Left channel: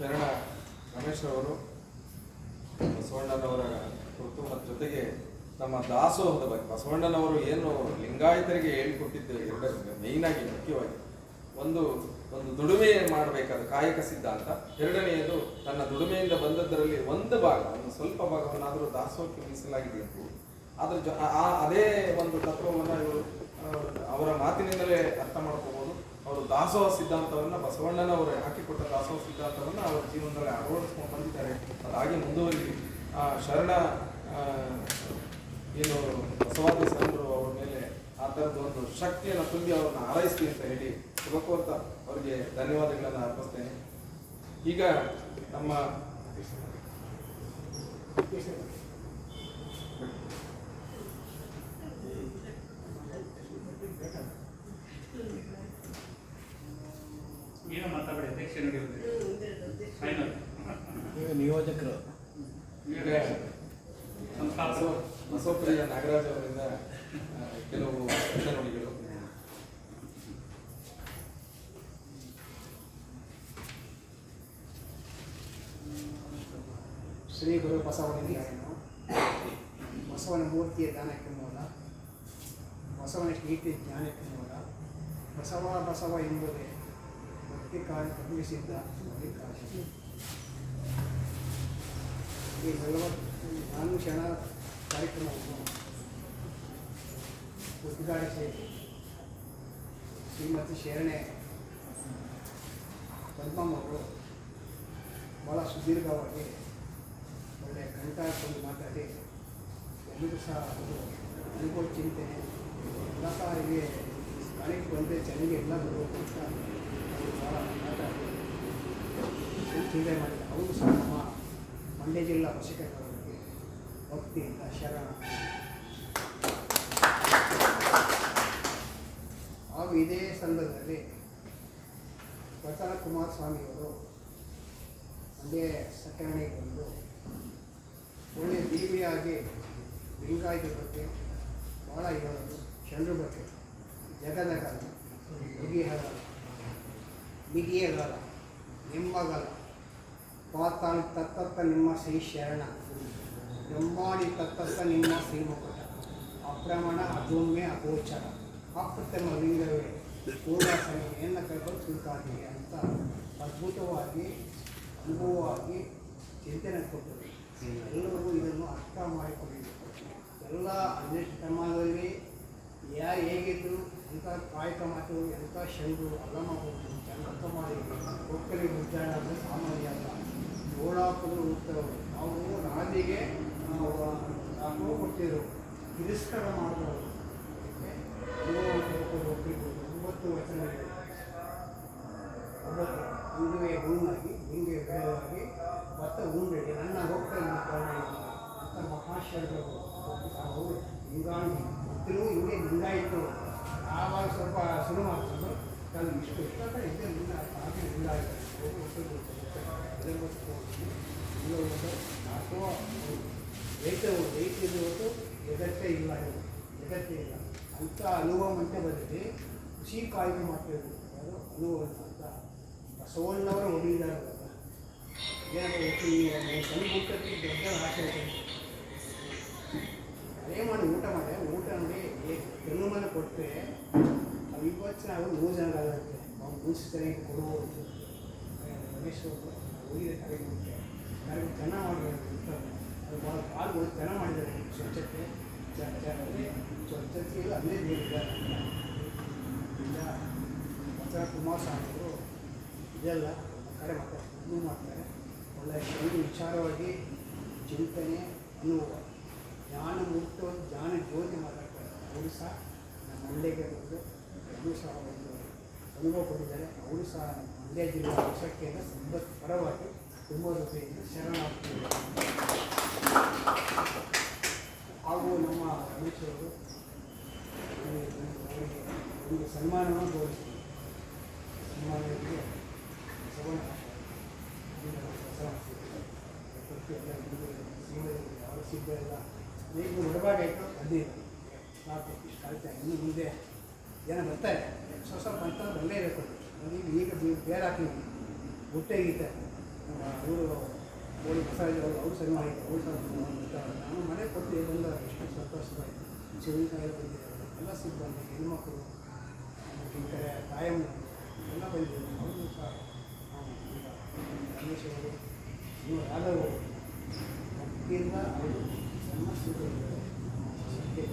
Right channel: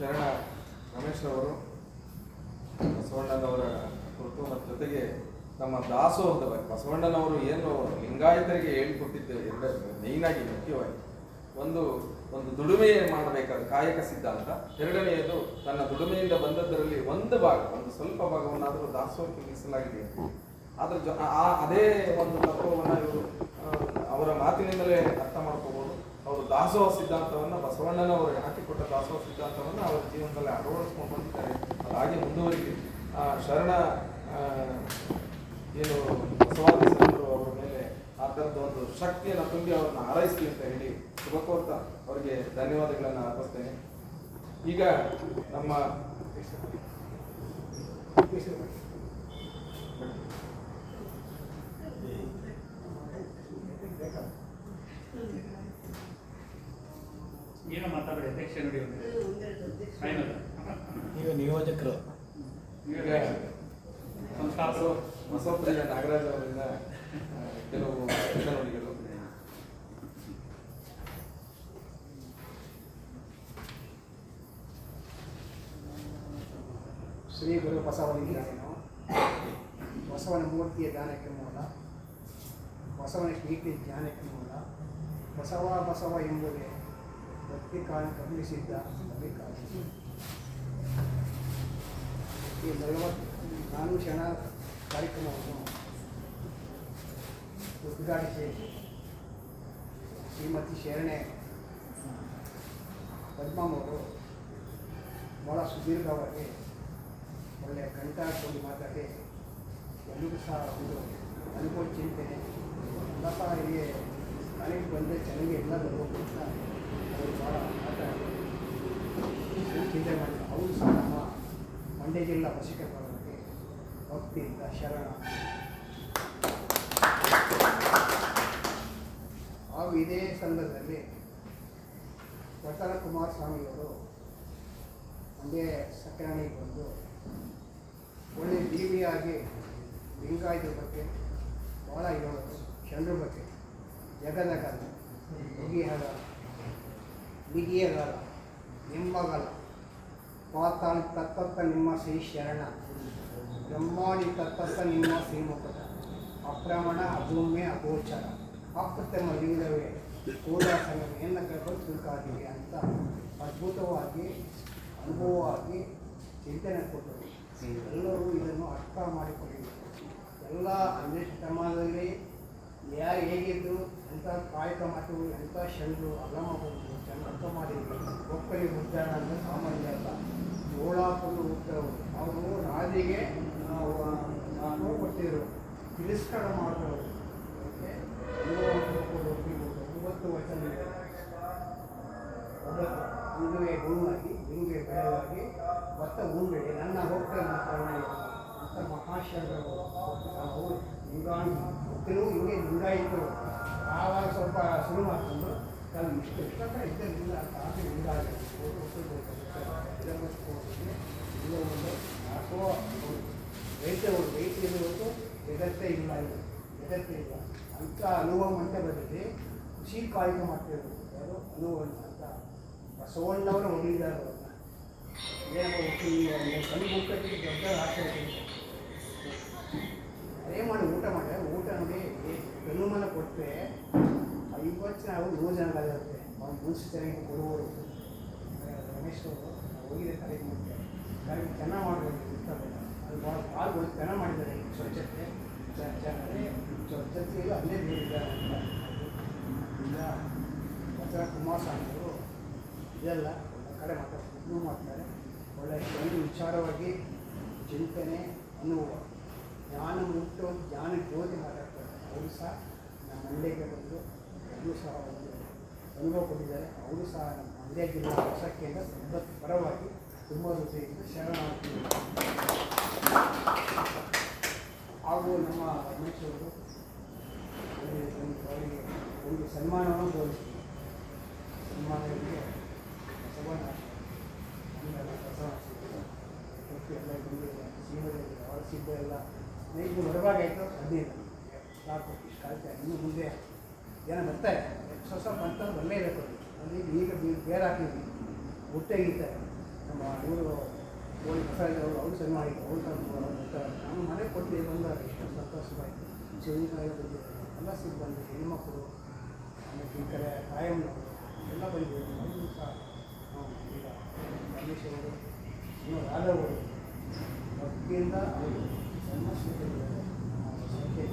ಶರಣ ರಮೇಶ್ ಅವರು ಬಸವಣ್ಣನವರ ಕುರಿತು ಮತ್ತು ಜೊತೆಗೆ ನಮ್ಮ ದಾಸೋಹದ ಬಗ್ಗೆ ಬಸವಣ್ಣನವರು ಏನು ಲಿಂಗಾಯತರಿಗೆ ಹೇಳಿಕೊಟ್ಟಿದ್ದೇವೆ ಮೇಯ್ನಾಗಿ ಮುಖ್ಯವಾಗಿ ಒಂದು ದುಡಿಮೆ ಮಾಡಬೇಕಾದ ಕಾಯಕ ಸಿದ್ಧಾಂತ. ಎರಡನೆಯದು ತನ್ನ ದುಡಿಮೆಯಿಂದ ಬಂದದ್ದರಲ್ಲಿ ಒಂದು ಸ್ವಲ್ಪ ಭಾಗವನ್ನಾದರೂ ದಾಸೋಹಕ್ಕೆ ಮೀಸಲಾಗಿದೆ. ಅದ್ರ ಅದೇ ಒಂದು ತತ್ವವನ್ನು ಇವರು ಅವರ ಮಾತಿನಿಂದಲೇ ಅರ್ಥ ಮಾಡ್ಕೋಬಹುದು. ಅವರು ದಾಸೋಹ ಸಿದ್ಧಾಂತವನ್ನು ಬಸವಣ್ಣನವರು ಹಾಕಿಕೊಟ್ಟ ದಾಸೋಹ ಸಿದ್ಧಾಂತವನ್ನು ಅವರ ಜೀವನದಲ್ಲಿ ಅಳವಡಿಸ್ಕೊಂಡು ಬಂದಿದ್ದಾರೆ. ಅದಾಗಿ ಮುಂದುವರಿಲಿ. ಶರಣ ಏನು ಬಸವಾದಿ ಶರಣರು ಅವರ ಮೇಲೆ ಆ ಥರದ ಒಂದು ಶಕ್ತಿಯನ್ನು ತುಂಬಿ ಅವ್ರನ್ನ ಹಾರೈಸ್ಲಿ ಅಂತ ಹೇಳಿ ಶುಭ ಕೋರ್ತಾ ಅವರಿಗೆ ಧನ್ಯವಾದಗಳನ್ನು ಅರ್ಪಿಸ್ತೇನೆ. ಈಗ ನಮ್ಮ ಏನು ಮಾತಾಡಿ ಅಧ್ಯಕ್ಷ ಈಗ ನಿಯೋಜಕರು ಬಸವಪ್ರಿಯ ನಾಗರಾಜ್ ಅವರಿಂದ ಕೆಲವು ನುಡಿಗಳು. ಶ್ರೀ ಗುರು ಬಸವಲಿಂಗಾಯನು ಬಸವನ ಮೂರ್ತಿಯ ಜ್ಞಾನಕ್ಕೆ ಮೂಲ, ಬಸವನ ಕೀರ್ತಿ ಜ್ಞಾನಕ್ಕೆ ಮೂಲ, ಬಸವ ಎಂಬುದೇ ಭಕ್ತಿ ಕಾಲ ಕಲಿಸಿದ್ದ ಮಲ್ಲಿಕಾರ್ಜುನ. ಈ 44 ಕ್ಷಣ ಕಾರ್ಯಕ್ರಮವನ್ನು ಉದ್ಘಾಟಿಸಿ ಶ್ರೀಮತಿ ಶರಣೆ ಪದ್ಮಮ್ಮವರು ಭಾಳ ಸುದೀರ್ಘವಾಗಿ ಒಳ್ಳೆಯ ಕಂಠ ಹಾಕೊಂಡು ಮಾತಾಡಿ ಎಲ್ಲರಿಗೂ ಸಹ ಒಂದು ಅನುಭವ ಚಿಂತನೆ ಎಲ್ಲ ಸಹ ಇಲ್ಲಿ ಕಾಲೇಜಿಗೆ ಬಂದರೆ ಚೆನ್ನಾಗಿ ಎಲ್ಲ ಬರಬೇಕು ಅಂತ ಅವರು ಭಾಳ ಮಾತಾಡಿ ಚಿಂತನೆ ಮಾಡಿದ್ದಾರೆ. ಅವರು ಸಹ ನಮ್ಮ ಮಂಡ್ಯ ಜಿಲ್ಲಾ ಬಸವೇಶ್ವರಕ್ಕೆ ಭಕ್ತಿಯಿಂದ ಶರಣ. ಹಾಗೂ ಇದೇ ಸಂದರ್ಭದಲ್ಲಿ ವಚನ ಕುಮಾರಸ್ವಾಮಿಯವರು ಮಂಡ್ಯ ಸತ್ಯನಾರಾಯಣಿಗೆ ಬಂದು ಒಳ್ಳೆಯ ಬೀವಿಯಾಗಿ ಲಿಂಗಾಯತ ಬಗ್ಗೆ ಭಾಳ ಹೇಳೋದು, ಶರಣರ ಬಗ್ಗೆ ಜಗದಗಲ್ಲ, ಬಗೆಹಗಲ್ಲ, ಬಿಗಿಯಗಲ್ಲ, ನಿಮ್ಮಗಲ್ಲ, ಪಾತಾಳಿ ತತ್ತತ್ತ ನಿಮ್ಮ ಶ್ರೀ ಶರಣ, ಬ್ರಹ್ಮಾಡಿ ತತ್ತತ್ತ ನಿಮ್ಮ ಶ್ರೀಮುಖದ, ಅಪ್ರಮಾಣ ಅಭೂಮ್ಯ ಅಗೋಚರ, ಅಪ್ರಥಮ ಲಿಂಗವೇ ಕೂಡಾಸನ ಎನ್ನ ಕೈಗಳು ತಿಳ್ಕಾದಿರಿ ಅಂತ ಅದ್ಭುತವಾಗಿ ಅನುಭವವಾಗಿ ಚಿಂತನೆ ಕೊಟ್ಟರು. ಎಲ್ಲರೂ ಇದನ್ನು ಅರ್ಥ ಮಾಡಿಕೊಂಡಿದ್ದರು. ಎಲ್ಲ 12ನೇ ಶತಮಾನದಲ್ಲಿ ಯಾರು ಹೇಗಿದ್ದು ಎಂಥ ಕಾಯಕ ಮಾತು ಎಂಥ ಶರಣರು ಅಲ್ಲಮಬಹುದು ಚೆನ್ನ ಅರ್ಥ ಮಾಡಿದ್ರು. ಒಕ್ಕಲಿ ಉಜ್ಜಾರ ಅಂದರೆ ಸಾಮಾನ್ಯ ಅಲ್ಲ. ಜೋಳಾಪುರು ಉತ್ತರವರು ಅವರು ರಾಜಿಗೆ ನಾವು ಕೊಡ್ತಿದ್ರು, ತಿರಸ್ಕಾರ ಮಾಡಿದವರು. ಒಪ್ಪಿರ್ಬೋದು 9 ವಚನಗಳಿವೆ. ಹಿಂದುವೆ ಗುಣವಾಗಿ ಹಿಂಗೆ ಬೆಳೆದಾಗಿ ಭತ್ತ ಉಂಬೇಡಿ ನನ್ನ ಹೋಗ್ತಾರೆ ಅಂತ ಮಹಾಶಯರು ಅವರು ಲಿಂಗಾಣಿ ಗೊತ್ತಿರೋ ಹಿಂಗೆ ಲಿಂಗಾಯಿತು. ಆವಾಗ ಸ್ವಲ್ಪ ಶುರು ಮಾಡಿಕೊಂಡು ಕೆಲವು ಇಷ್ಟು ಇದರಿಂದ ಆಗಿ ಲಿಂಗಾಯಿತು ಅಥವಾ ರೈತರು ರೈತರು ಜಗತ್ತೇ ಇಲ್ಲ, ಜಗತ್ತೇ ಇಲ್ಲ ಅಂತ ಅನುಭವ ಅಂತ ಬಂದಿದೆ. ಖುಷಿ ಕಾಯ್ದು ಮಾಡ್ತಿರೋದು ಯಾರು ಅನುಭವ ಅಂತ ಬಸವಣ್ಣವರು ಹೊಂದಿದ್ದಾರೆ. ಸಣ್ಣ ಊಟಕ್ಕೆ ದೊಡ್ಡ ಆಸೆ ಅದೇ ಮಾಡಿ ಊಟ ಮಾಡಿದೆ. ಊಟ ನೋಡಿ ಬೆನುಮನ ಕೊಟ್ಟರೆ ಅದು 20 ಜನ 100 ಜನಗಾಗುತ್ತೆ. ನಾವು ಮುನ್ಸಿಪಾಲಿಟಿ ಕೊಡುವರು ರಮೇಶ್ ಅವರು ಹೋಗಿದೆ ಕಾರ್ಯಕ್ರಮಕ್ಕೆ. ಕಾರ್ಯಕ್ರಮ ಚೆನ್ನಾಗಿ ಮಾಡಬೇಕು ಇರ್ತಾರೆ. ಅದು ಭಾಳ ಪಾಲ್ಗಳು ಚೆನ್ನಾಗಿ ಮಾಡಿದ್ದಾರೆ. ಸ್ವಚ್ಛತೆ ಸ್ವಚ್ಛತೆಯಲ್ಲಿ ಅಲ್ಲೇ ನೀಡಿದ್ದಾರೆ ಅಂತ ಈಗ ವಚನ ಕುಮಾರಸ್ವಾಮಿ ಅವರು ಇದೆಲ್ಲ ಕರೆ ಮಾಡ್ತಾರೆ, ಇನ್ನೂ ಮಾಡ್ತಾರೆ. ಒಳ್ಳೆಯ ಒಂದು ವಿಚಾರವಾಗಿ ಚಿಂತನೆ ಅನುಭವ ಜ್ಞಾನ ಮುಕ್ತ ಜ್ಞಾನ ಜ್ಯೋತಿ ಮಾತಾಡ್ತಾರೆ. ಅವರು ಸಹ ನಮ್ಮ ಮಂಡ್ಯಕ್ಕೆ ಬಂದು ಎಲ್ಲರೂ ಸಹ ಒಂದು ಅನುಭವ ಕೊಟ್ಟಿದ್ದಾರೆ. ಅವರು ಸಹ ನಮ್ಮ ಮಂಡ್ಯ ಜಿಲ್ಲೆ ಹೊಸಕ್ಕಿಂತ ಸಂಬತ್ ಪರವಾಗಿ ತುಂಬ ರೂಪಾಯಿಯಿಂದ ಶರಣಾಗ್ತಿದ್ದಾರೆ. ಹಾಗೂ ನಮ್ಮ ರಮೇಶವರು ಅವರಿಗೆ ಒಂದು ಸನ್ಮಾನವನ್ನು ಗೌರವಿಸ್ತೀವಿ. ಸನ್ಮಾನಕ್ಕೆ ಬಸವಣ್ಣ ಎಲ್ಲ ಸೀಮದಲ್ಲಿ ಅವರ ಸಿದ್ಧ ಎಲ್ಲ ಈಗ ಹೊರಭಾಗಾಯಿತು 15 ಸಾಕು. ಇಷ್ಟು ಕಾಯ್ತಾ ಇನ್ನು ಮುಂದೆ ಜನ ಬರ್ತಾರೆ. ಸ್ವಲ್ಪ ಅಂತಂದ್ರೆ ಬಲ್ಲೇ ಇರಬೇಕು. ಈಗ ಬೇರೆ ಹಾಕಿದ್ವಿ ಹುಟ್ಟೆ ಇರ್ತಾರೆ. ನಮ್ಮ ಇವರು ಕೋಳಿ ಬಸವರಾಜ್ ಅವರು ಸರಿ ಮಾಡಿದ್ರು ಅವ್ರು ಸಹ ನಾನು ಮನೆ ಕೊಟ್ಟು ಬಂದಾಗ ಎಷ್ಟು ಸಂತೋಷವಾಯಿತು. ಶಿವನಿಕಾಯಿ ಬಂದಿದ್ದಾರೆ ಎಲ್ಲ ಸಿಬ್ಬಂದಿ ಹೆಣ್ಮಕ್ಳು ಆಮೇಲೆ ಈ ಕಡೆ ತಾಯಮ್ಮನವರು ಎಲ್ಲ ಬಂದಿದ್ದಾರೆ. ಅವರು ಸಹ ಈಗ ರಮೇಶ್ ಅವರು ಇನ್ನು ರಾಘವ್ ಅವರು ಭಕ್ತಿಯಿಂದ ಅವರು ಸಮಸ್ಯೆಗಳಿದ್ದಾರೆ ನಮ್ಮ ಸಂಖ್ಯೆ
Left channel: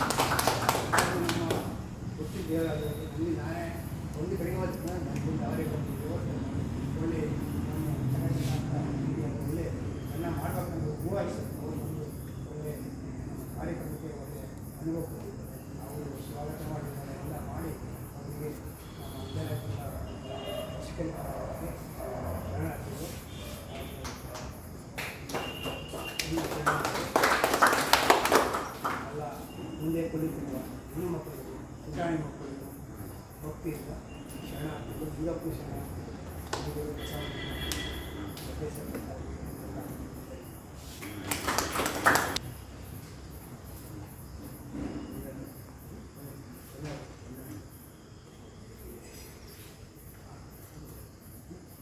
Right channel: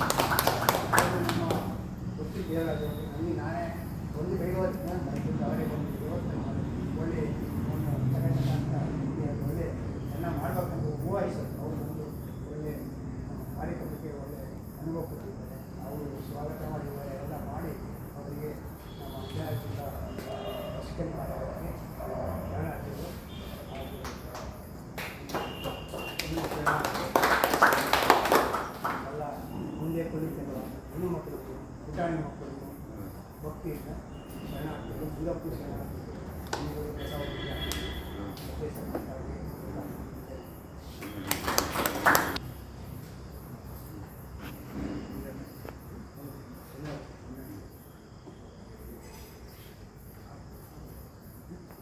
ನಮ್ಮ ಗೊತ್ತಿದ್ದು ಹೇಗಾದ್ರು ನನಗೆ ನಾನೇ ಒಂದು ಬೆಳಿಗ್ಗೆ ಹೋಗ್ತೀನಿ ನನಗೆ ಅವರೇ ಬಂದು ವ್ಯವಸ್ಥೆ ಮಾಡಿ ಒಳ್ಳೆ ನಮ್ಮ ಚೆನ್ನಾಗಿ ಒಳ್ಳೆ ಚೆನ್ನಾಗಿ ಮಾಡ್ಬೇಕಂತ ಹೂವಾಯಿಸ್ತಾರೆ. ಅವರು ಬಂದು ಒಳ್ಳೆ ನಮ್ಮ ಕಾರ್ಯಕ್ರಮಕ್ಕೆ ಒಳ್ಳೆ ಅನುಭವ ಕೊಟ್ಟಿದ್ದಾರೆ. ಅವರು ಸ್ವಾಗತ ಮಾಡಿದ್ದಾರೆ ಎಲ್ಲ ಮಾಡಿ ಅವರಿಗೆ ನಮ್ಮ ಅಂಜನಾದಿಂದ ಚಿಕನ್ ಕಾರ್ಯಕ್ಕೆ ಶರಣಾರ್ಥಿಗಳು ಎಲ್ಲ ಮುಂದೆ ಕಲಿತಿರುವ ಹೆಣ್ಣು ಮಕ್ಕಳಿಗೆ ಪುಟಾಣಿ ಮಕ್ಕಳಿಗೆ ಭಕ್ತಿಯಿಂದ ಶರಣಾರ್ಥಿಗಳು ದುರ್ಗಪ್ಪು ಶರಣಾರ್ಥಿಗಳು ಬಸವಣ್ಣ